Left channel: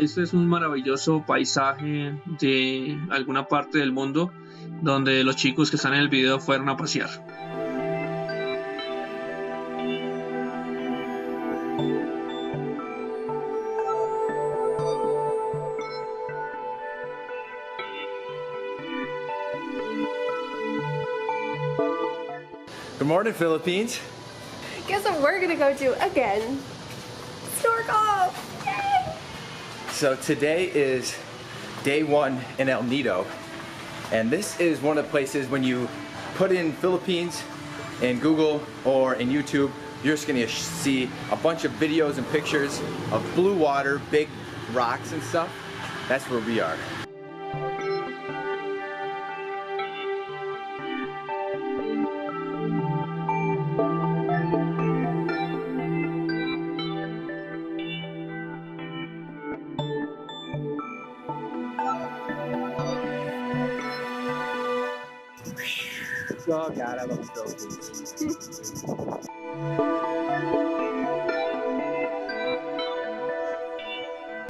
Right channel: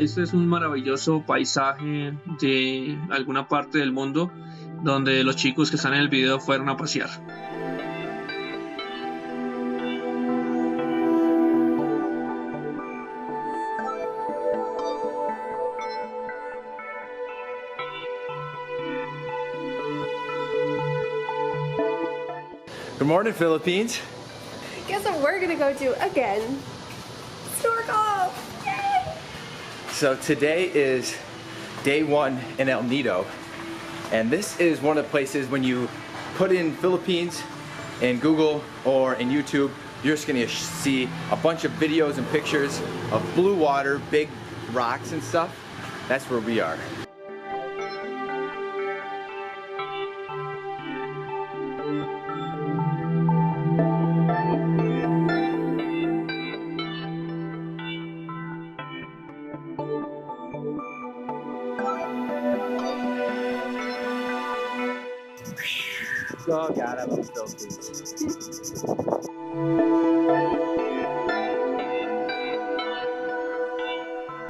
Este es un maravilloso paisaje de alguna parte del mundo donde los chicos que están en el video fueron a pasear. Good morning, Philippines. Guess what we're gonna go do again? Snorkel! Yay! So today is day one in El Nido, and this is one of the places when you put in Philippines in Google or in YouTube, you're just gonna see a bunch of videos and pictures of blue water, big rocks and stuff. That's where we are. Oh God, I love the Philippines.